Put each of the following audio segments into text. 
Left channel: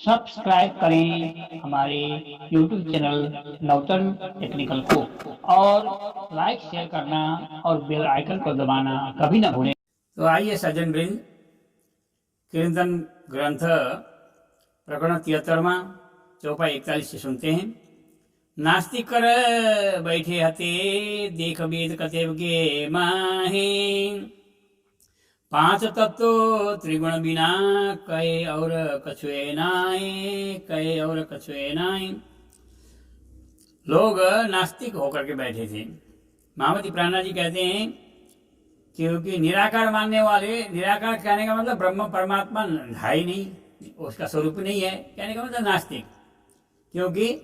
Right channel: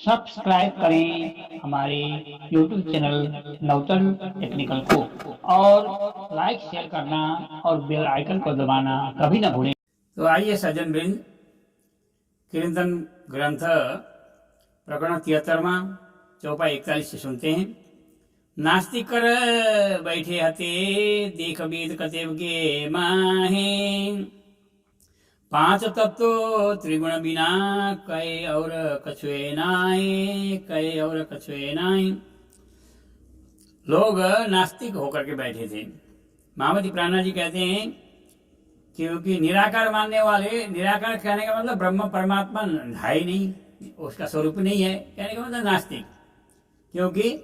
Subscribe करें हमारे YouTube channel नवतन technical को और लाइक शेयर करना और बेल आइकन को दबाना कभी ना भूलें। तो आइए सज्जन वृंद, कीर्तन ग्रंथ प्रकरण 73 चौपाई 41 से सुनते हैं। नास्तिक कर बैठे हते देख वेद कतेव के माहे, पांच तत्व त्रिगुण बिना कहे और कछुए नाए, कहे और कछुए नाए। लोग नास्तिक होकर के बैठे थे। महामती प्राणा जी कहते हैं क्योंकि निराकार मानने वाले, निराकार कहने का मतलब ब्रह्म परमात्मा है ही नहीं, उसका स्वरूप नहीं है, कहने का मतलब नास्तिक। क्योंकि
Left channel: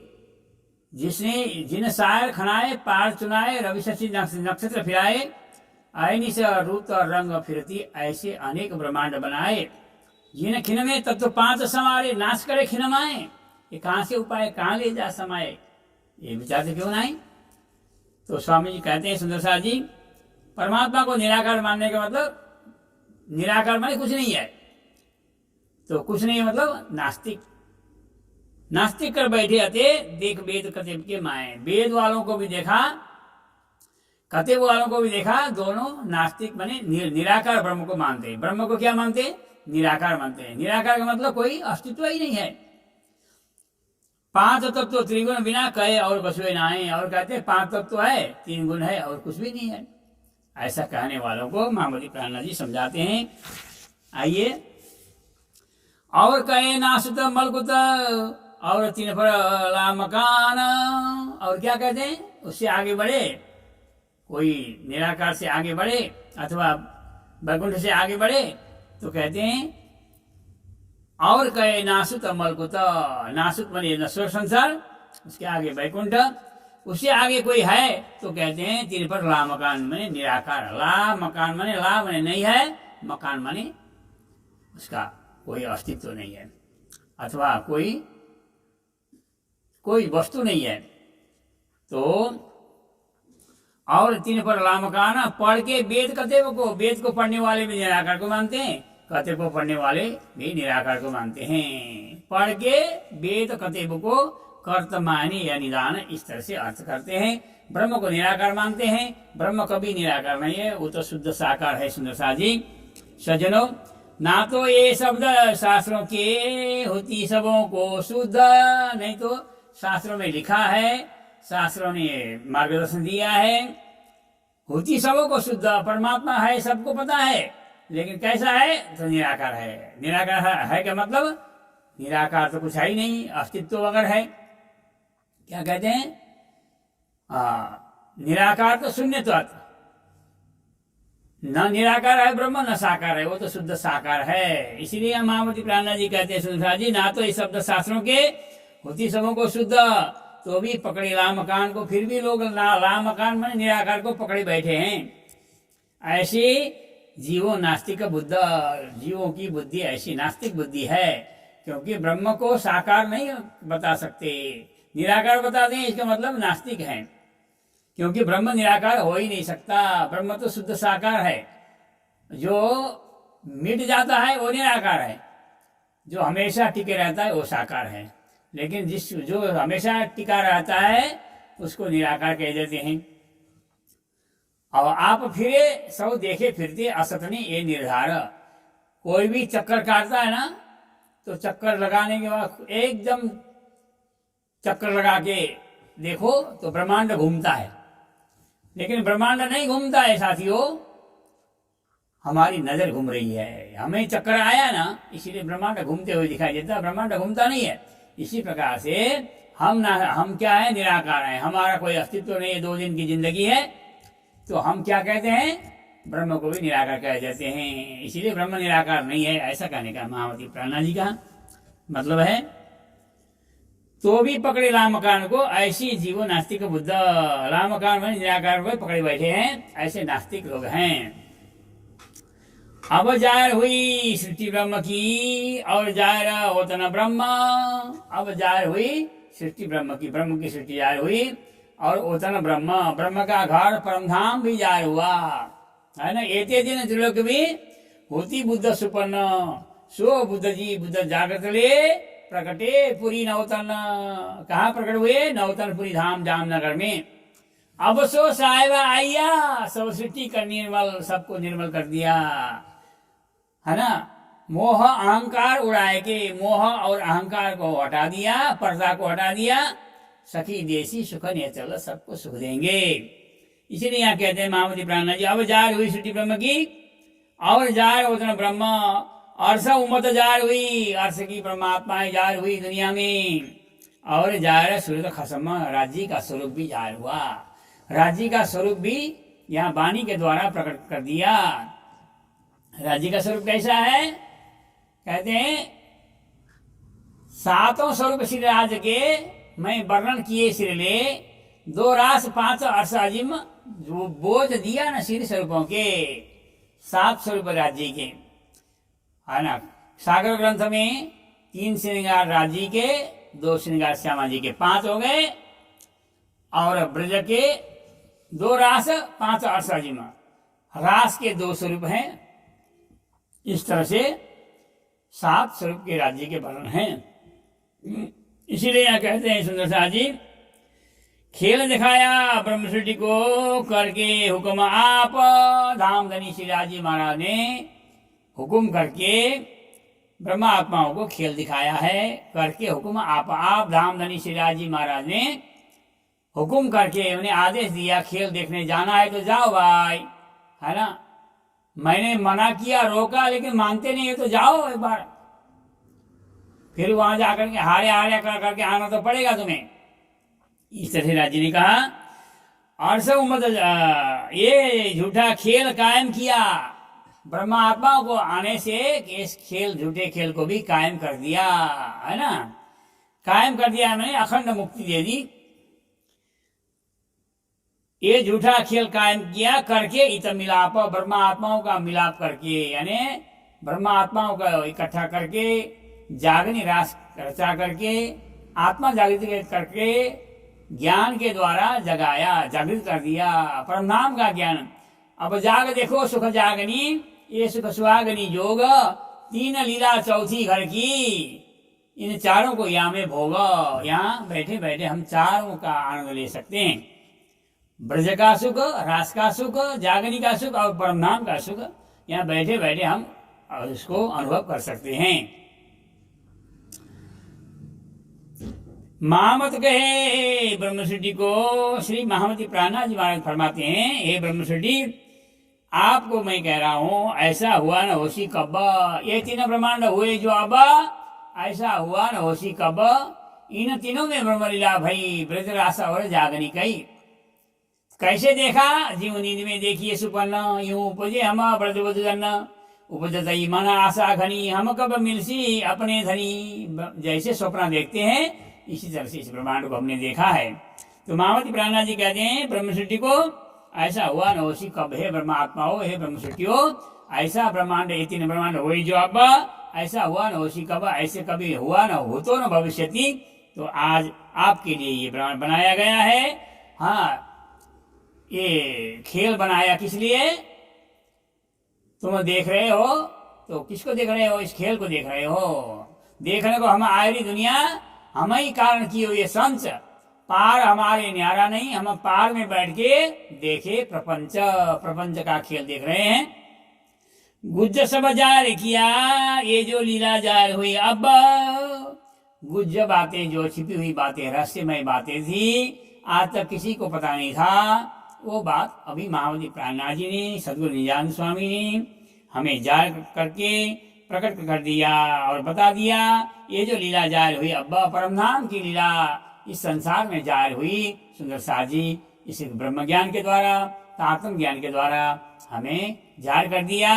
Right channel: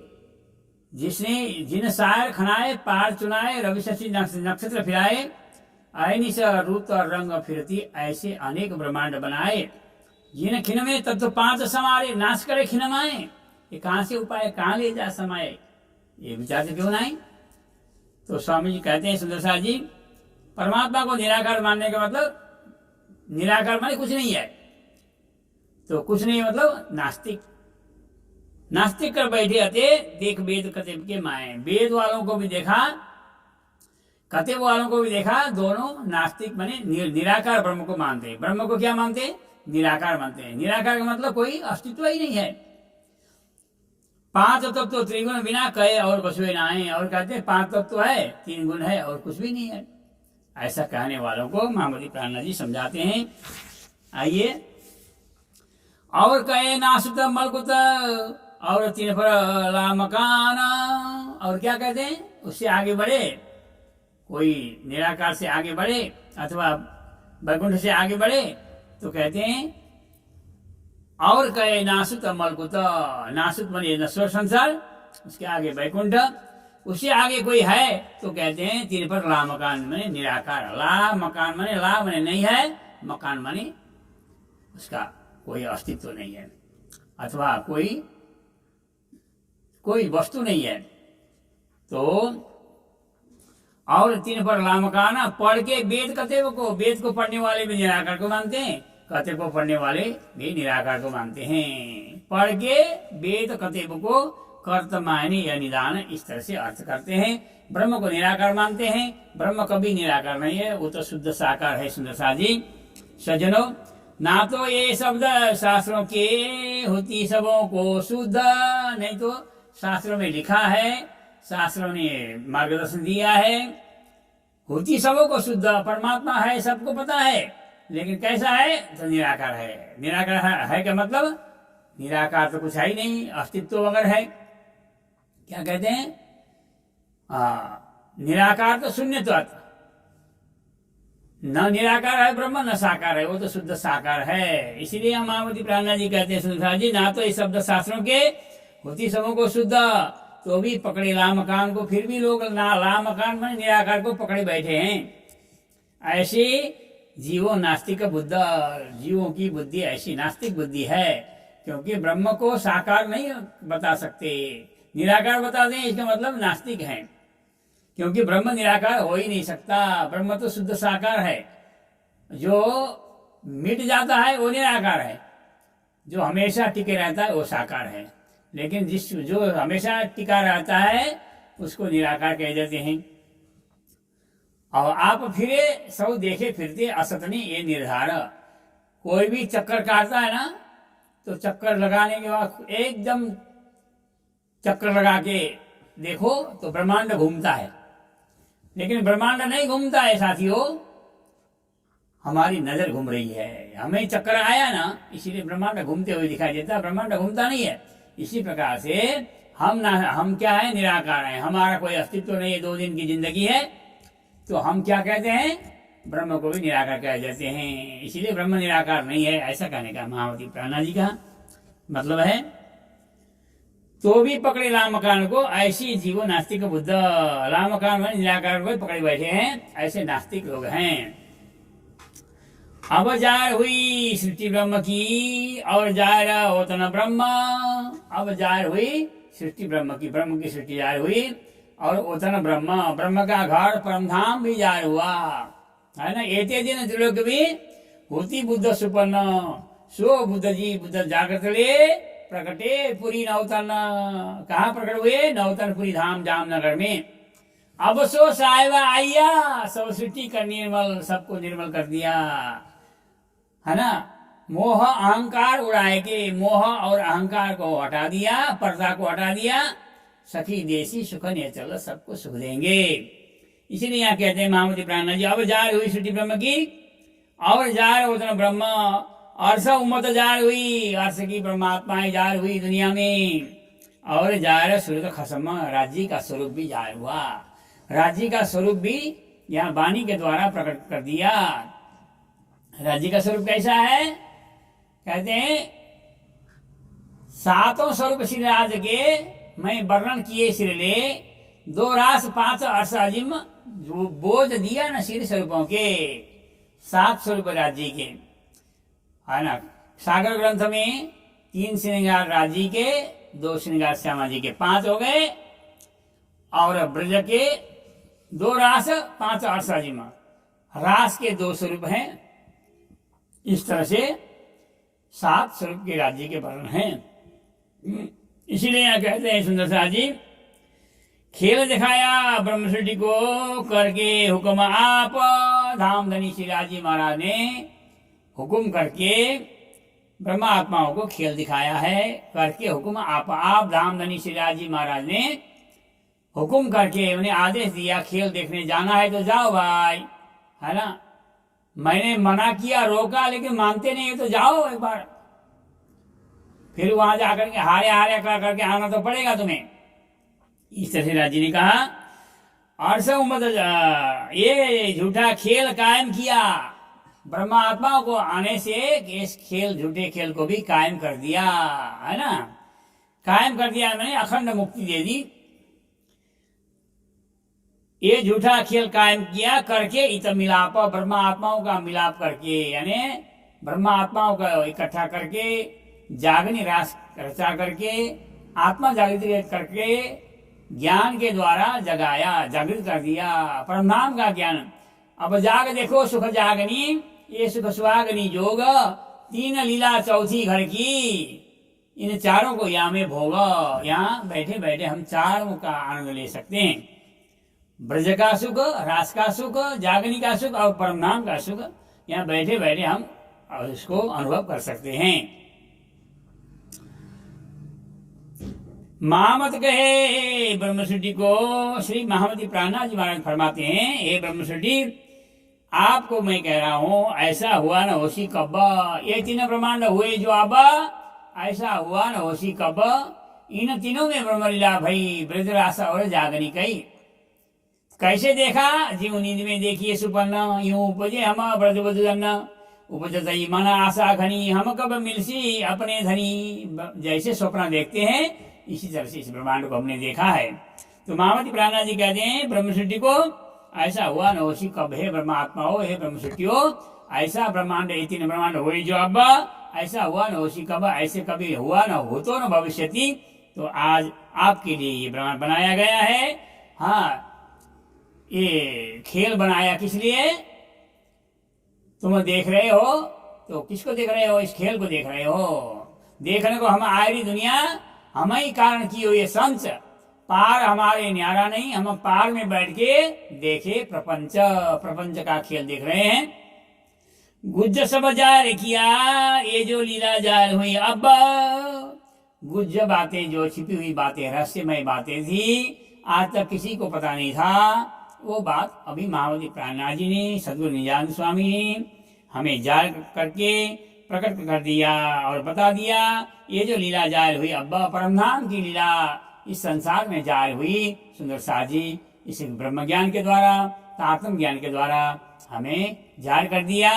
जिसने जिन सायर खनाए पार चुनाए रवि शशि नक्षत्र फिराए, आयनी से रूप और रंग फिरती ऐसे अनेक ब्रह्मांड बनाए, जिन खिन में तत्व पांच समारे नाश करे खिनमाए। ये कहाँ से उपाय कहाँ ले जा समाए, ये विचार से क्यों नहीं। तो स्वामी जी कहते हैं सुंदर साथ जी, परमात्मा को निराकार मानने का मतलब, निराकार माने कुछ नहीं है, तो कुछ नहीं मतलब नास्तिक। नास्तिक कर बैठे अते देख वेद कतेब के माए। वेद वालों को भी देखा, कतेब वालों को भी देखा, दोनों नास्तिक बने, निराकार ब्रह्म को मानते हैं। ब्रह्म को क्या मानते हैं? निराकार मानते हैं। निराकार का मतलब कोई अस्तित्व ही नहीं है। पांच तत्व त्रिगुण बिना कहे और कछुए नाए, और कहते हैं पांच तत्व है, तीन गुण है और कुछ भी नहीं है। ऐसा कहने वालों को महामती प्राणा जी समझाते हैं। आइए, और कहे नासुत मलकुत और तीन पर ला मकान, और क्या कहते हैं? उससे आगे बढ़े, कोई निराकार से आगे बढ़े अथवा वैकुंठ से आगे बढ़े तो कहते हैं और कहे नासुत मलकुत। नासुत माने नश्वर संसार, उसके आगे वैकुंठ, उससे आगे कोई है तो कहते हैं तीन पर ला मकान माने निराकार। ला मकान माने, ला माने नहीं है, मकान माने उसका कोई अस्तित्व नहीं है अथवा कोई वस्तु नहीं है। तो और तीन पर ला मकान पढ़ के वेद कतेव को, वेद को पढ़ने वाले भी निराकार को मानते हैं, कतेव को पढ़ने वाले भी निराकार को मानते हैं। पढ़ के वेद कतेव को कर्तमानी या निदान इस तरह से अर्थ करते हैं। ब्रह्म को निराकार मानते हैं। ब्रह्म कभी निराकार नहीं है, वो तो शुद्ध साकार है। सुंदर सा जी सज्जनों, ना तो ये शब्द शास्त्रों के होती सबों को शुद्ध, नहीं तो शास्त्रों में लिखा है, शास्त्रों ने मार्गदर्शन दिया है, होती सबों को शुद्ध परमात्मा है, सबको पता है, लेकिन कैसा है तो निराकार है। निराकार है क्या मतलब? निराकार तो कुछ है ही नहीं, अस्तित्व अगर है, क्या कहते हैं? निराकार तो शून्यत्व, न निराकार है ब्रह्म न साकार है, वो तो शुद्ध साकार है। इसीलिए हम महामती प्राणा जी कहते हैं सुंदर जी, ना तो इस शब्द शास्त्रों के होती सबों को शुद्ध, तो भी पकड़े ला मकान को, फिर भी लोग ला मकान माने निराकार को पकड़े बैठे हैं। ऐसे जीवों नास्तिक बुद्ध, जीवों की बुद्धि ऐसी नास्तिक बुद्धि है, क्योंकि ब्रह्म को साकार नहीं बता सकते, निराकार बताते हैं, इसका मतलब नास्तिक हैं। क्योंकि ब्रह्म निराकार हो ही नहीं सकता, ब्रह्म तो शुद्ध साकार है। जो मिट जाता है वो निराकार है, जो हमेशा टिके रहता है वो साकार है। लेकिन जो हमेशा टिका रहता है उसको निराकार कह देते हैं। और आप फिरे सब देखे फिरते असतने ये निर्धार। कोई भी चक्कर काटता है ना, तो चक्कर लगाने के बाद एकदम चक्कर लगा के देखो तो ब्रह्मांड घूमता है, लेकिन ब्रह्मांड नहीं घूमता है साथियों, हमारी नजर घूम रही है। हमें चक्कर आया ना, इसीलिए ब्रह्मांड घूमते हुए दिखाई देता, ब्रह्मांड घूमता नहीं है। इसी प्रकार से हम क्या है? निराकार हैं, हमारा कोई अस्तित्व नहीं है, 2 दिन की जिंदगी है, तो हम क्या कहते हैं? ब्रह्म को भी निराकार कह देते हैं। इसीलिए ब्रह्म निराकार नहीं है, ऐसा कहने का महामती प्राणा जी का मतलब है। तो भी पकड़े ला मकान को, ऐसी जीवो नास्तिक बुद्ध। ला मकान में निराकार को पकड़े बैठे हैं, ऐसे नास्तिक लोग हैं। अब जाहिर हुई सृष्टि ब्रह्म की और जाहिर होता न ब्रह्म। अब जाहिर हुई सृष्टि ब्रह्म की, ब्रह्म की सृष्टि जाहिर हुई और ओतन ब्रह्म, ब्रह्म का घर परमधाम भी जाहिर हुआ है ना। एते दिन त्रिलोक भी होती बुद्ध सुपन्न, सो बुद्ध जी बुद्ध जागृत ले प्रकटे पुरी नौतन, कहाँ प्रकट हुए? नौतनपुरी धाम जामनगर में। अब सो साहिबा आइया, सब सृष्टि कर निर्मल, सबको निर्मल कर दिया, है ना। मोह अहंकार उड़ाए के, मोह और अहंकार को हटा दिया, पर्दा को हटा दिया। सखी देसी सुख ने चल, सबको सुख देंगे। इसीलिए यहाँ कहते हैं महामती प्राणनाथ जी, अब जार हुई सृष्टि ब्रह्म की, और जार उतना ब्रह्म, अर्ष उम्मत जार हुई, अर्ष की परमात्माएं जार हुई दुनिया में, और जार सूर्य खसम, राज्य का स्वरूप भी जार हुआ। राज्य का स्वरूप भी यहाँ वाणी के द्वारा प्रकट कर दिया। राज्य का स्वरूप कैसा है? कहते हैं सातों स्वरूप श्री राज के मैं वर्णन किए सिरले, 2 रास 5 अर्ष अजिम, जो बोझ दिया न सिर स्वरूपों के, 7 स्वरूप राज्य के, है ना। सागर ग्रंथ में 3 श्रृंगार राज्य के, 2 श्रृंगार श्यामा जी के, 5 हो गए। और ब्रज के 2 रास 5 अर्ष अजिम, रास के 2 स्वरूप हैं। इस तरह से 7 स्वरूप के राज्य के वर्णन हैं। इसीलिए यहाँ कहते हैं सुंदर सा जी, खेल दिखाया ब्रह्म सृष्टि को करके हुक्म आप, धामधनी श्री राजी महाराज ने हुक्म करके ब्रह्मा आत्माओं को खेल दिखाया है। करके हुक्म आप धामधनी श्री राजी महाराज ने हुक्म करके उन्हें आदेश दिया, खेल देखने जाना है तो जाओ भाई, है ना। मैंने मना किया, रोका, लेकिन मानते नहीं है तो जाओ एक बार, फिर वहां जाकर के हारे हारे करके आना तो पड़ेगा तुम्हें। इस तरह से राज्य ने कहा, और सब उम्मत ये झूठा खेल कायम किया, ब्रह्मा आत्माओं को आने से इस खेल, झूठे खेल को भी कायम कर दिया, है ना। कायम कर दिया, मैंने अखंड मुक्ति दे दी। ये झूठा खेल कायम किया करके, इत मिलाप, ब्रह्मा आत्माओं का मिलाप करके, यानी ब्रह्मा आत्माओं का इकट्ठा करके, जागनी रास रचा करके, आत्मा जागृत करके, ज्ञान के द्वारा जगाया, जागृत कर दिया, परमधाम का ज्ञान। अब जाग देखो सुख जागनी, ये सुख सुहागनी जोग, 3 लीला 4थी घर की, इन चारों को यहाँ में भोग। यहाँ बैठे बैठे हम चारों का आनंद ले सकते हैं। ब्रज का सुख, रास का सुख, जागनी का सुख और परमधाम का सुख, यहाँ बैठे बैठे हम इसको अनुभव कर सकते हैं। महामत कहे ब्रह्मसृष्टि को, श्री महामती प्राणनाथ जी महाराज फरमाते हैं, हे ब्रह्मसृष्टि आपको मैं कह रहा हूं, ऐसा हुआ न होशी कब, ये 3 ब्रह्मांड हुए जो अब, ऐसा हुआ न होशी कब, इन तीनों में ब्रह्मलीला भई, ब्रज रास और जागनी कई। कैसे देखा? जीव नींद में देखिए सुपन्न, यूं उपजे हम ब्रज बधुजन, उपजतई मन आशा घनी, हम कब मिलसी अपने धनी। जैसे स्वप्न देखते हैं इसी तरह से इस ब्रह्मांड को हमने देखा है। तो महामती प्राणनाथ जी कहते हैं ब्रह्म सृष्टि को ऐसा हुआ न होशी कब, हे ब्रह्मात्मा हो, हे ब्रह्म सृष्टि हो, ऐसा ब्रह्मांड, ये 3 ब्रह्मांड हुए जो अब, ऐसा हुआ न होशी कब, ऐसे कभी हुआ न हो तो न भविष्यति। तो आज आपके लिए ये ब्रह्मांड बनाया गया है। हाँ, ये खेल बनाया किस लिए? तुम देख रहे हो तो किसको देख रहे हो? इस खेल को देख रहे हो। देखने को हम आयरी दुनिया, हम ही कारण की हो ये संच, पार हमारे न्यारा नहीं, हम पार में बैठ के देखे प्रपंच, प्रपंच का खेल देख रहे हैं। गुज्ज सब जार किया, ये जो लीला जार हुई अब, गुज्ज बातें, जो छिपी हुई बातें, रहस्यमय बातें थी, आज तक किसी को पता नहीं था, वो बात अभी महामती प्राणनाथ जी ने, सदगुरु निजानंद स्वामी ने हमें जार करके प्रकट कर दिया और बता दिया। ये जो लीला जार हुई अब्बा, परमधाम की लीला इस संसार में जार हुई, सुंदर साथ जी इस ब्रह्म ज्ञान के द्वारा, आत्म ज्ञान के द्वारा हमें जार कर दिया।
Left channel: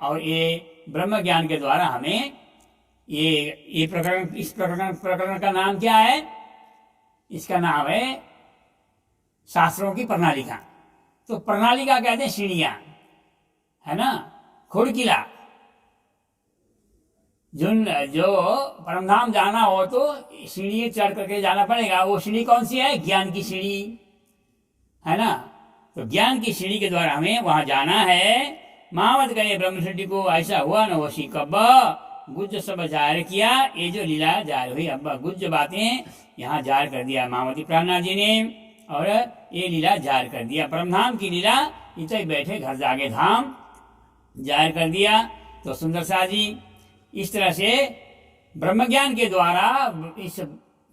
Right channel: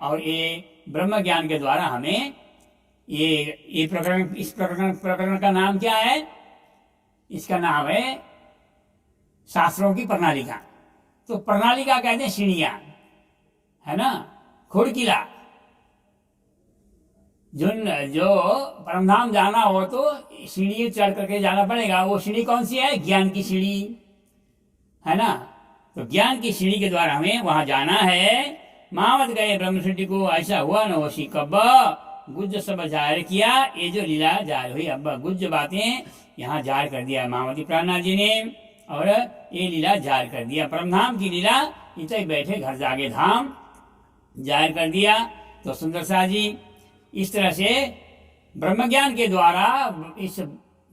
और ये ब्रह्म ज्ञान के द्वारा हमें ये प्रकरण, इस प्रकरण का नाम क्या है? इसका नाम है शास्त्रों की प्रणालिका। तो प्रणालिका कहते हैं सीढ़ियां, है ना, खुड़किला। जो परमधाम जाना हो तो सीढ़ी चढ़ करके जाना पड़ेगा। वो सीढ़ी कौन सी है? ज्ञान की सीढ़ी, है ना। तो ज्ञान की सीढ़ी के द्वारा हमें वहां जाना है। महामत गए ब्रह्म सृष्टि को ऐसा हुआ न होशी कब, गुज्ज सब जाहिर किया, ये जो लीला जाहिर हुई। अब गुज्ज बातें यहाँ जाहिर कर दिया मायावती प्राणनाथ जी ने, और ये लीला जाहिर कर दिया। परमधाम की लीला इतने बैठे घर जागे धाम जाहिर कर दिया। तो सुंदर सा जी इस तरह से ब्रह्मज्ञान के द्वारा इस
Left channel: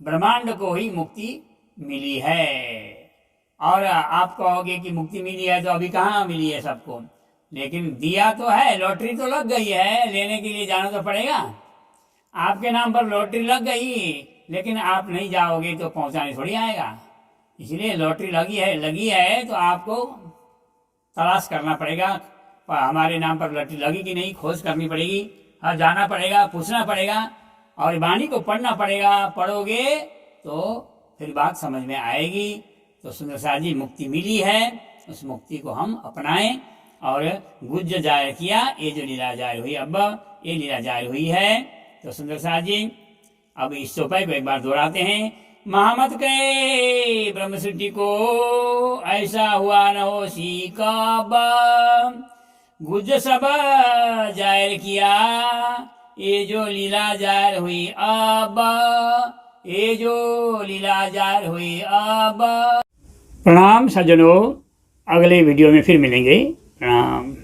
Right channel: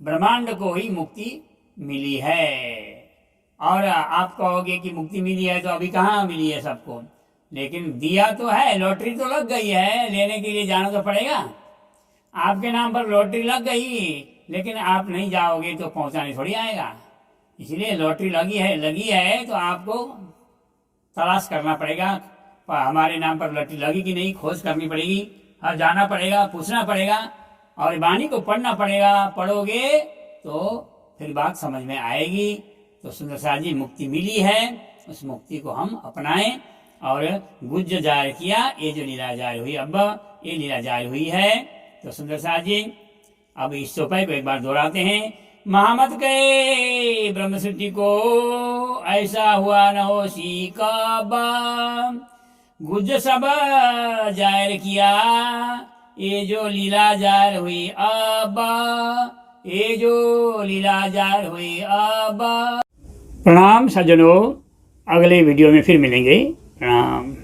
ब्रह्मांड को ही मुक्ति मिली है। और आप कहोगे कि मुक्ति मिली है तो अभी कहाँ मिली है सबको, लेकिन दिया तो है, लॉटरी तो लग गई है, लेने के लिए जाना तो पड़ेगा। आपके नाम पर लॉटरी लग गई, लेकिन आप नहीं जाओगे तो पहुंचाने थोड़ी आएगा। इसलिए लॉटरी लगी है तो आपको तलाश करना पड़ेगा, हमारे नाम पर लॉटरी लगी कि नहीं, खोज करनी पड़ेगी। हाँ, जाना पड़ेगा, पूछना पड़ेगा और वाणी को पढ़ना पड़ेगा। पढ़ोगे तो फिर बात समझ में आएगी। तो सुंदर साथ जी मुक्ति मिली है, उस मुक्ति को हम अपनाएं। और गुज्ज जाहिर किया, ये जो लीला जाहिर हुई, अब ये लीला जाहिर हुई है। तो सुंदर साथ जी अब इस चौपाई को एक बार दोहराते हैं। महामत कहे ब्रह्म सृष्टि को, ऐसा हुआ न हो सी कब, गुज्ज सब जाहिर किया, ये जो लीला जाहिर हुई अब, ये जो लीला जाहिर हुई अब। प्रणाम सज्जनों, अगले वीडियो में फिर मिलेंगे। प्रणाम।